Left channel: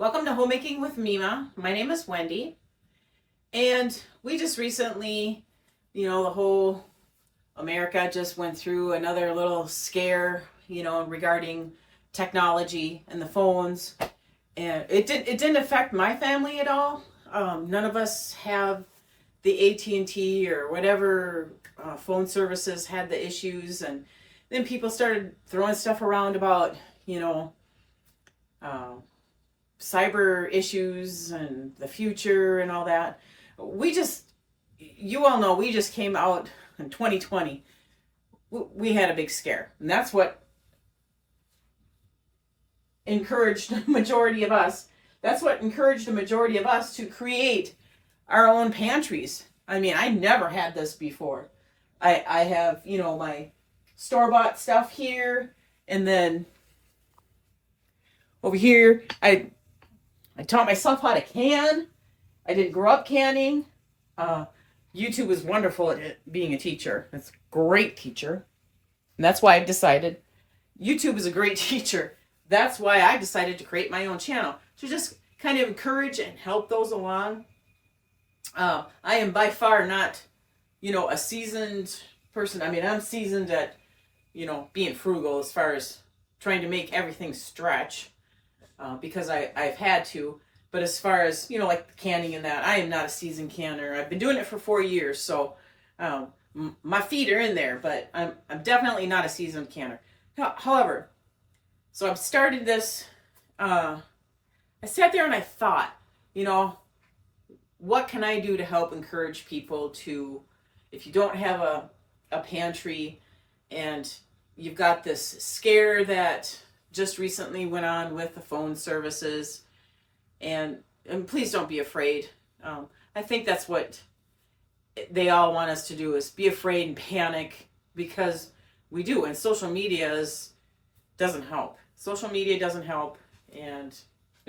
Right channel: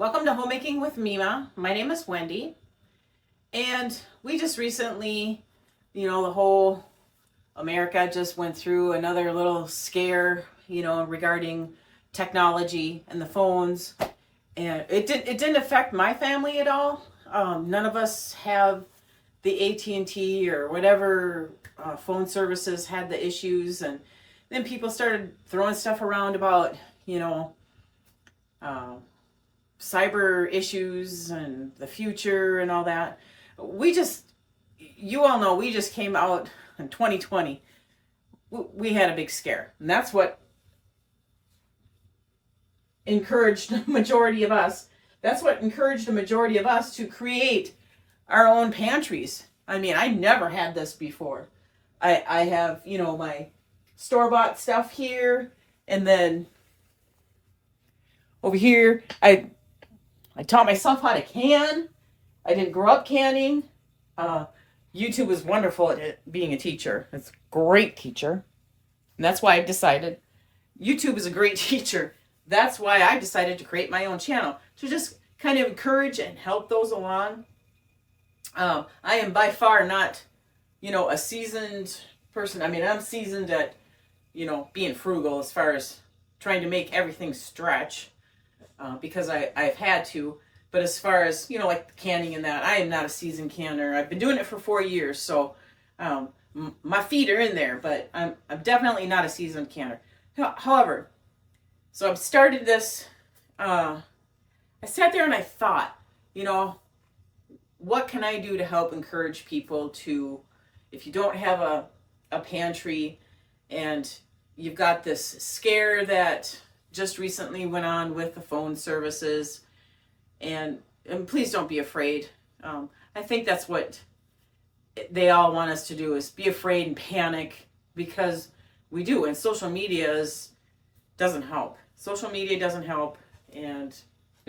Welcome to Homemaking with Mima. My name is Wendy, and we just recently, the whole America just went through another little scare, regarding technology and the phones, and it didn't affect my family at all. None of us have the AT&T or whatever phone services had the issues, and then people started throwing stuff around about, uh, cyber issues and the future and all that. You all know, we just came out in 2020. We had a big scare, and that's what encouraged the majority of us. That's what encouraged the majority of us to create our own pantries. I mean, I never had this before. I have, my store-bought stuff here, and then over here, I taught myself how to can. I didn't grow up canning. YouTube was wonderful at being a teacher. It's a great teacher. And that's why I decided YouTube is a great teacher. That's why I decided to create my own channel, to just kind of encourage and help those along. I am by far not, a seasoned person. I mean, I'm seasoned at, being frugal as far as trying to make everything stretch. Because I've had to. But as far as, like the canning and that, I am not a seasoned canner. I've been doing it for 4 years, so my feet are in there, but I'm definitely not a seasoned canner. However, so I've started this, I sat there and I thought, what can I do to help encourage people to, if you don't have a pantry and you've got this scare that just recently went on with the phone services, and please don't be afraid. I think that's what they all want us to do, is be afraid and panic, because we do, and social media doesn't help. Social media doesn't help, and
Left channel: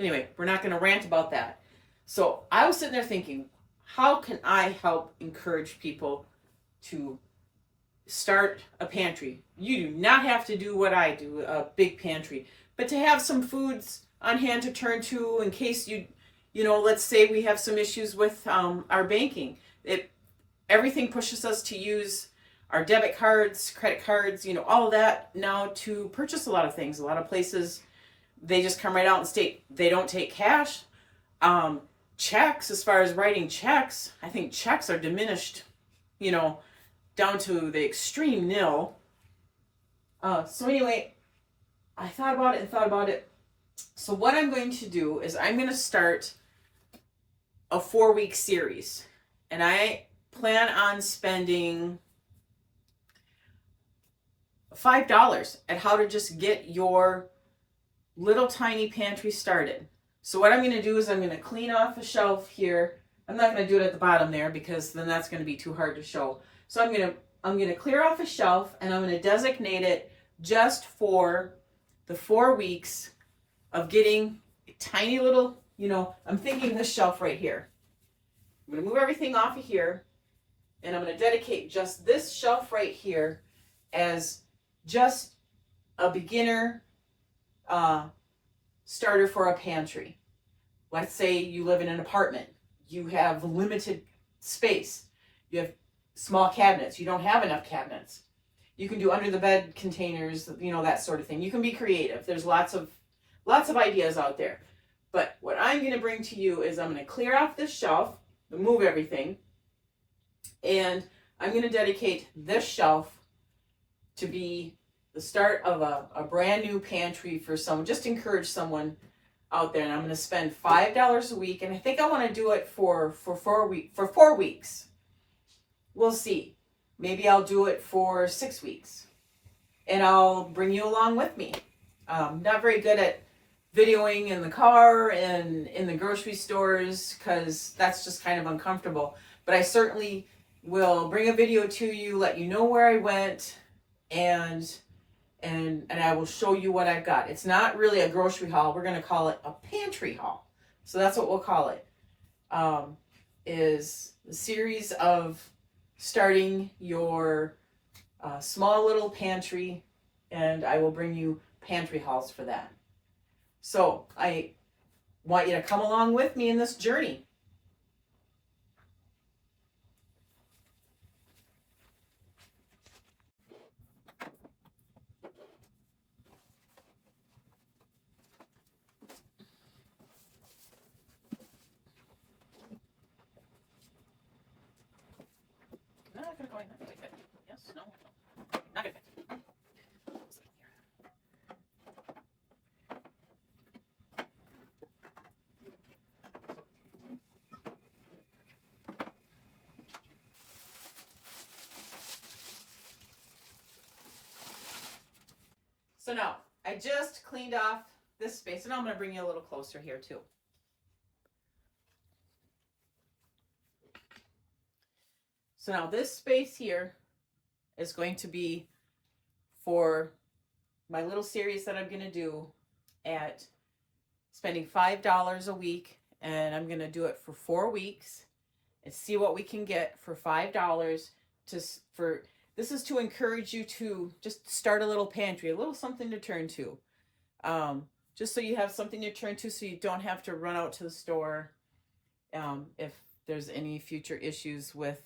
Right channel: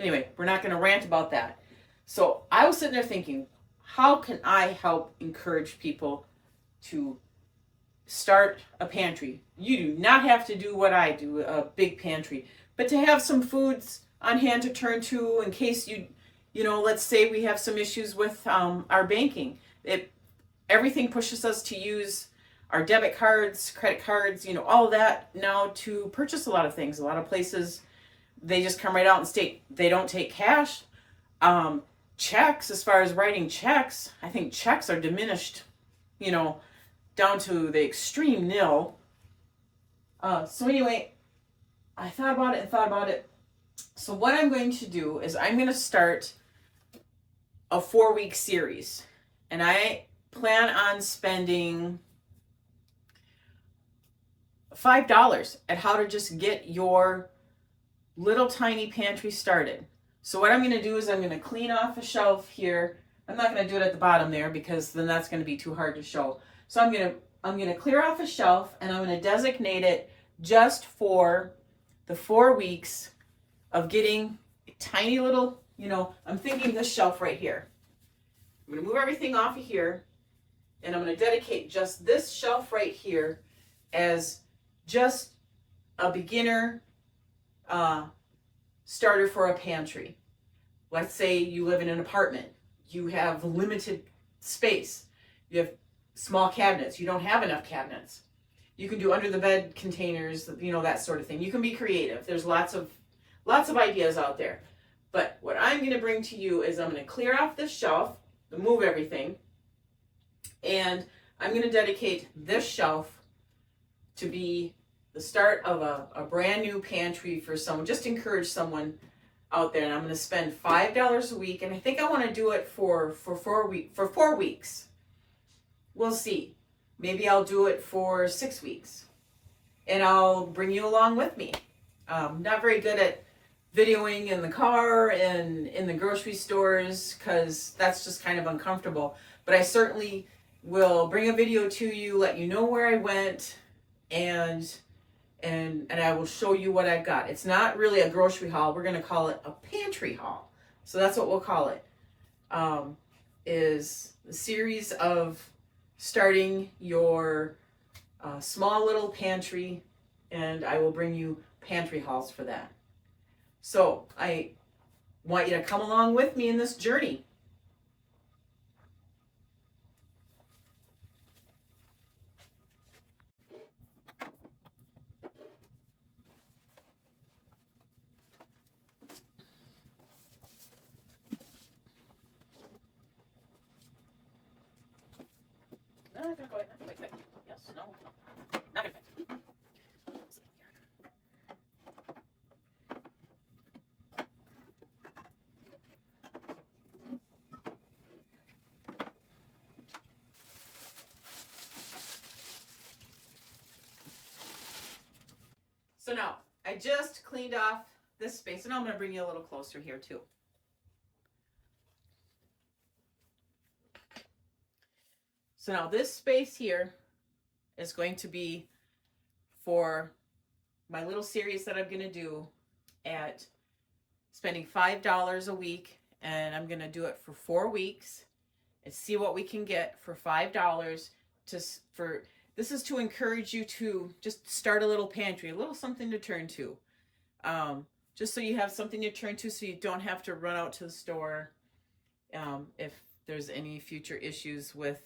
anyway, we're not going to rant about that. So I was sitting there thinking, how can I help encourage people to start a pantry? You do not have to do what I do, a big pantry, but to have some foods on hand to turn to in case let's say we have some issues with our banking. Everything pushes us to use our debit cards, credit cards, all of that now to purchase a lot of things. A lot of places, they just come right out and state they don't take cash. Checks, as far as writing checks, I think checks are diminished, down to the extreme nil. So anyway, I thought about it. So what I'm going to do is I'm going to start a 4-week series, and I plan on spending $5 at how to just get your little tiny pantry started. So what I'm going to do is I'm going to clean off a shelf here. I'm not going to do it at the bottom there, because then that's going to be too hard to show. So I'm going to clear off a shelf, and I'm going to designate it just for the 4 weeks of getting a tiny little, I'm thinking this shelf right here. I'm going to move everything off of here, and I'm going to dedicate just this shelf right here as just a beginner starter for a pantry. Let's say you live in an apartment. You have limited space. You have small cabinets. You don't have enough cabinets. You can do under the bed containers, that sort of thing. You can be creative. There's lots of ideas out there. But what I'm going to bring to you is I'm going to clear off this shelf, move everything, and I'm going to dedicate this shelf to be the start of a brand new pantry for someone. Just encourage someone out there, and I'm going to spend $5 a week, and I think I want to do it for 4 weeks. We'll see. Maybe I'll do it for 6 weeks, and I'll bring you along with me. Not very good at videoing in the car and in the grocery stores, because that's just kind of uncomfortable. But I certainly will bring a video to you, let you know where I went, and I will show you what I've got. It's not really a grocery haul. We're going to call it a pantry haul. So that's what we'll call it. Is the series of starting your small little pantry, and I will bring you pantry hauls for that. So I want you to come along with me in this journey. No, I'm gonna go ahead. Not gonna fit. Yes, no, no. Not gonna fit. So now, I just cleaned off this space, and I'm going to bring you a little closer here too. So now this space here is going to be for my little series that I'm going to do at spending $5 a week, and I'm going to do it for 4 weeks and see what we can get for $5 for this is to encourage you to just start a little pantry, a little something to turn to. Just so you have something to turn to, so you don't have to run out to the store if there's any future issues with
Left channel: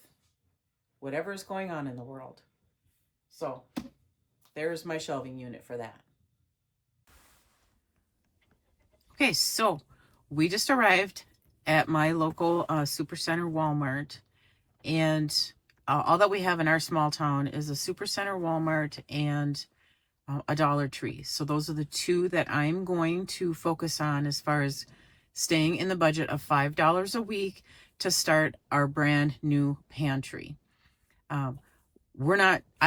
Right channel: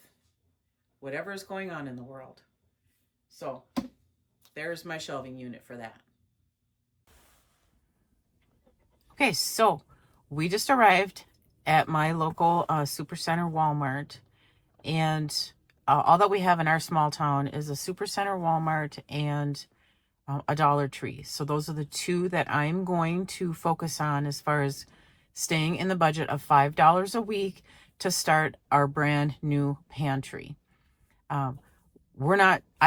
whatever is going on in the world. So there's my shelving unit for that. Okay, so we just arrived at my local Supercenter Walmart, and all that we have in our small town is a Supercenter Walmart and a Dollar Tree. So those are the two that I'm going to focus on as far as staying in the budget of $5 a week to start our brand new pantry. I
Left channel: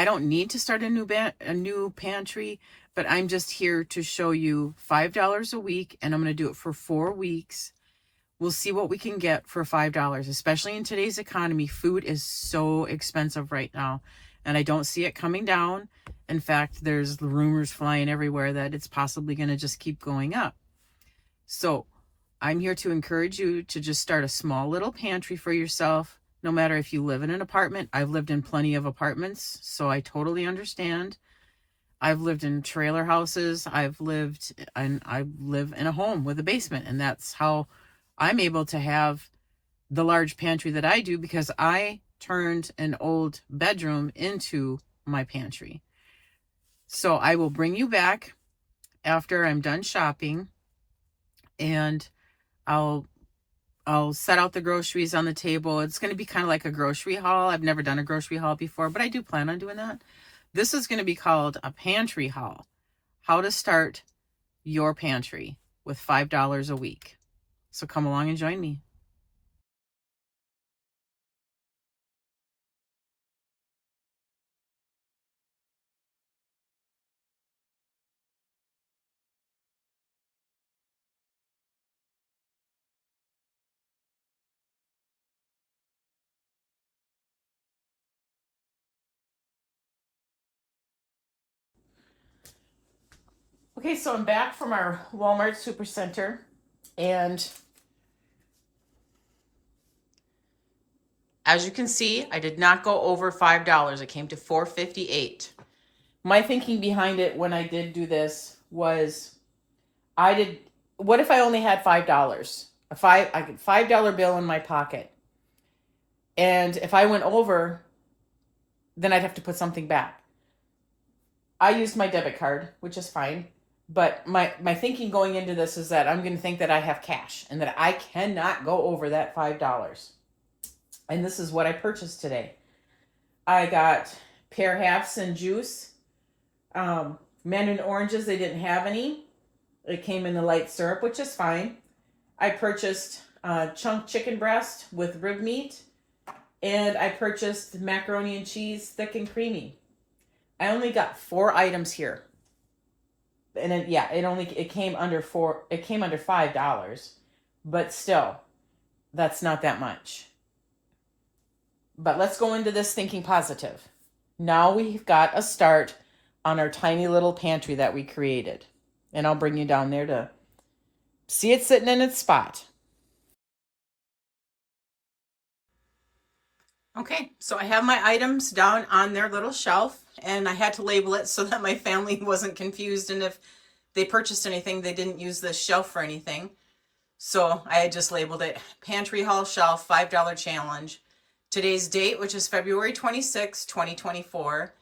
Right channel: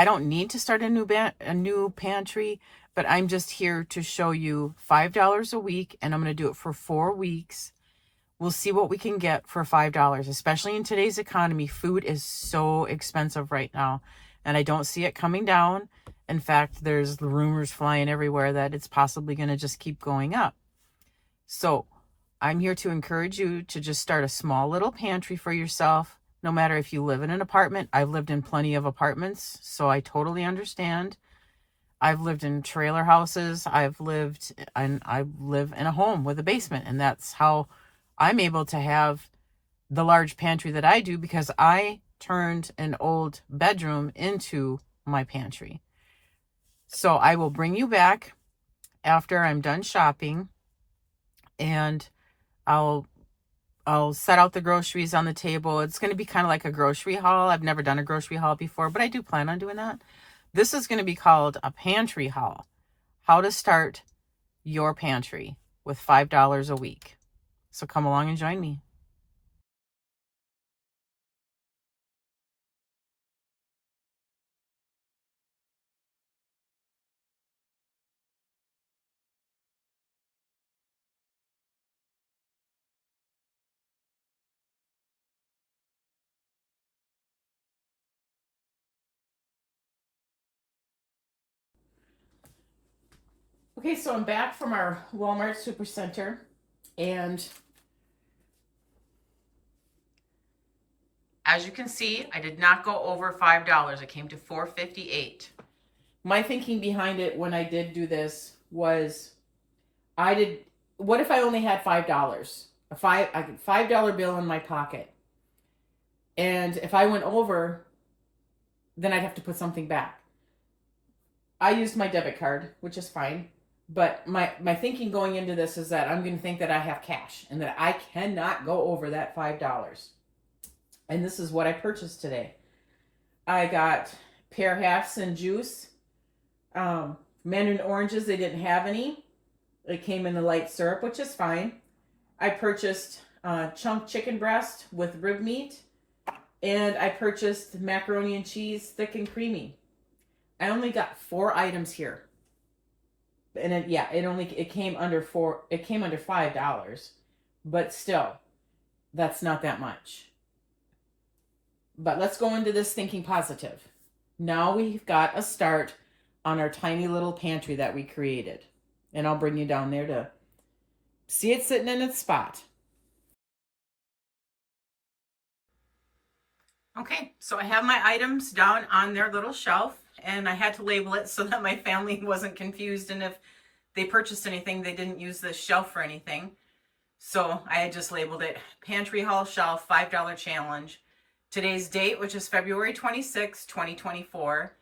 don't need to start a new pantry, but I'm just here to show you $5 a week, and I'm going to do it for 4 weeks. We'll see what we can get for $5, especially in today's economy. Food is so expensive right now, and I don't see it coming down. In fact, there's rumors flying everywhere that it's possibly going to just keep going up. So I'm here to encourage you to just start a small little pantry for yourself, no matter if you live in an apartment. I've lived in plenty of apartments, so I totally understand. I've lived in trailer houses. I live in a home with a basement, and that's how I'm able to have the large pantry that I do, because I turned an old bedroom into my pantry. So I will bring you back after I'm done shopping, and I'll set out the groceries on the table. It's going to be kind of like a grocery haul. I've never done a grocery haul before, but I do plan on doing that. This is going to be called a pantry haul. How to start your pantry with $5 a week. So come along and join me. Okay, so I'm back from our Walmart Supercenter, and as you can see, I did not go over $5. It came to $4.58. My thinking behind it when I did do this was, what if I only had $5? I could $5 bill in my pocket. And if I went over, then I'd have to put something back. I used my debit card, which is fine. But my thinking going into this is that I'm going to think that I have cash and that I cannot go over that $5. And this is what I purchased today. I got pear halves and juice. Mandarin oranges, they didn't have any. It came in the light syrup, which is fine. I purchased chunk chicken breast with rib meat. And I purchased macaroni and cheese, thick and creamy. I only got 4 items here. And it came under $5, but still, that's not that much. But let's go into this thinking positive. Now we've got a start on our tiny little pantry that we created. And I'll bring you down there to see it sitting in its spot. Okay, so I have my items down on their little shelf, and I had to label it so that my family wasn't confused, and if they purchased anything, they didn't use this shelf for anything. So I had just labeled it Pantry Haul Shelf $5 Challenge. Today's date, which is February 26, 2024.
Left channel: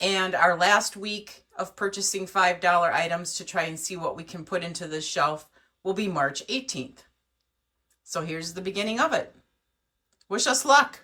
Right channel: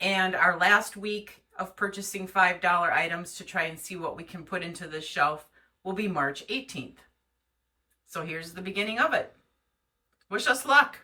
And our last week of purchasing $5 items to try and see what we can put into this shelf will be March 18th. So here's the beginning of it. Wish us luck.